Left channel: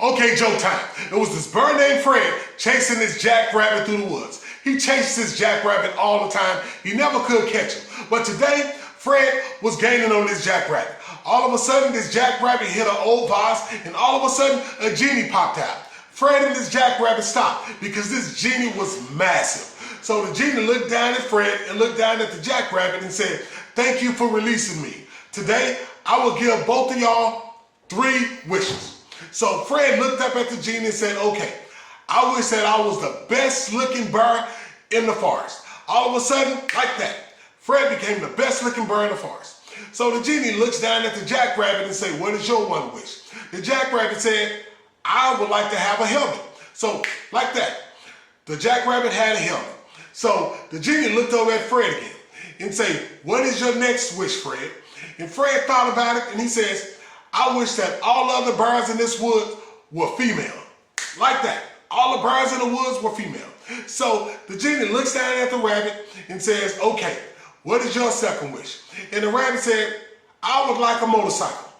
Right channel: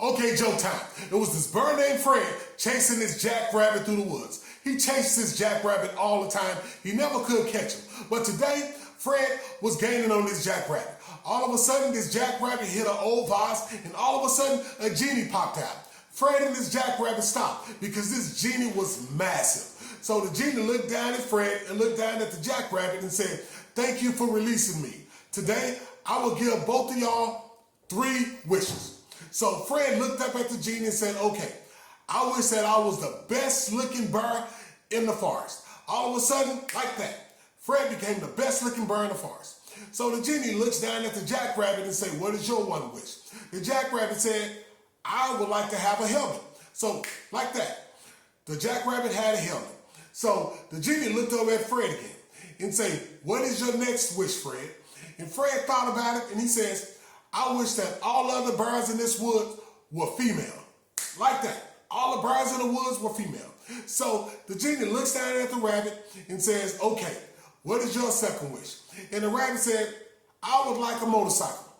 Okay, Joe time. It was this bird named Fred chasing this jackrabbit through the woods. He chased this jackrabbit all the time. He never could catch him. But today, Fred was gaining on this jackrabbit. All of a sudden, this jackrabbit hit an old vase, and all of a sudden, a genie popped out. Fred and this jackrabbit stopped because this genie was massive. So the genie looked down at Fred and looked down at the jackrabbit and said, "Thank you for releasing me. Today, I will give both of y'all 3 wishes." So Fred looked up at the genie and said, "Okay, I wish that I was the best looking bird in the forest." All of a sudden, like that, Fred became the best looking bird in the forest. So the genie looks down at the jackrabbit and said, "What is your one wish?" The jackrabbit said, "I would like to have a helmet." So like that, the jackrabbit had a helmet. So the genie looked over at Fred again and said, "What is your next wish, Fred?" And Fred thought about it and he says, "I wish that all other birds in this woods were female." Like that. All the birds in the woods were female. So the genie looks down at the rabbit and says, "Okay, what is your second wish?" And the rabbit said, "I would like a motorcycle."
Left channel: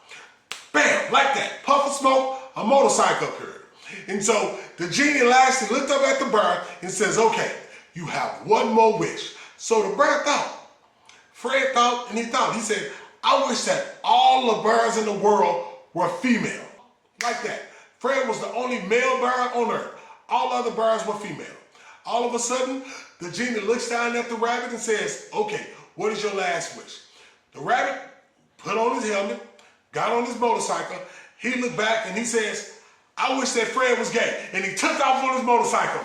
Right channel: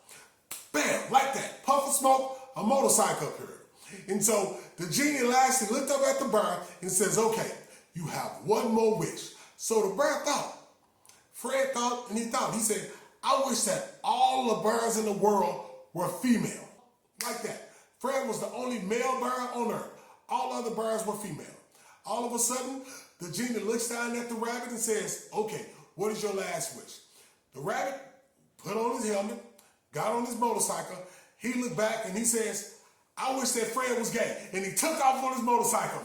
Bam, like that. Puff of smoke, a motorcycle appeared. And so the genie lastly looked up at the bird and says, "Okay, you have one more wish." So the bird thought. Fred thought and he thought. He said, "I wish that all the birds in the world were female." Like that. Fred was the only male bird on earth. All other birds were female. All of a sudden, the genie looks down at the rabbit and says, "Okay, what is your last wish?" The rabbit put on his helmet, got on his motorcycle. He looked back and he says, "I wish that Fred was gay." And he took off on his motorcycle.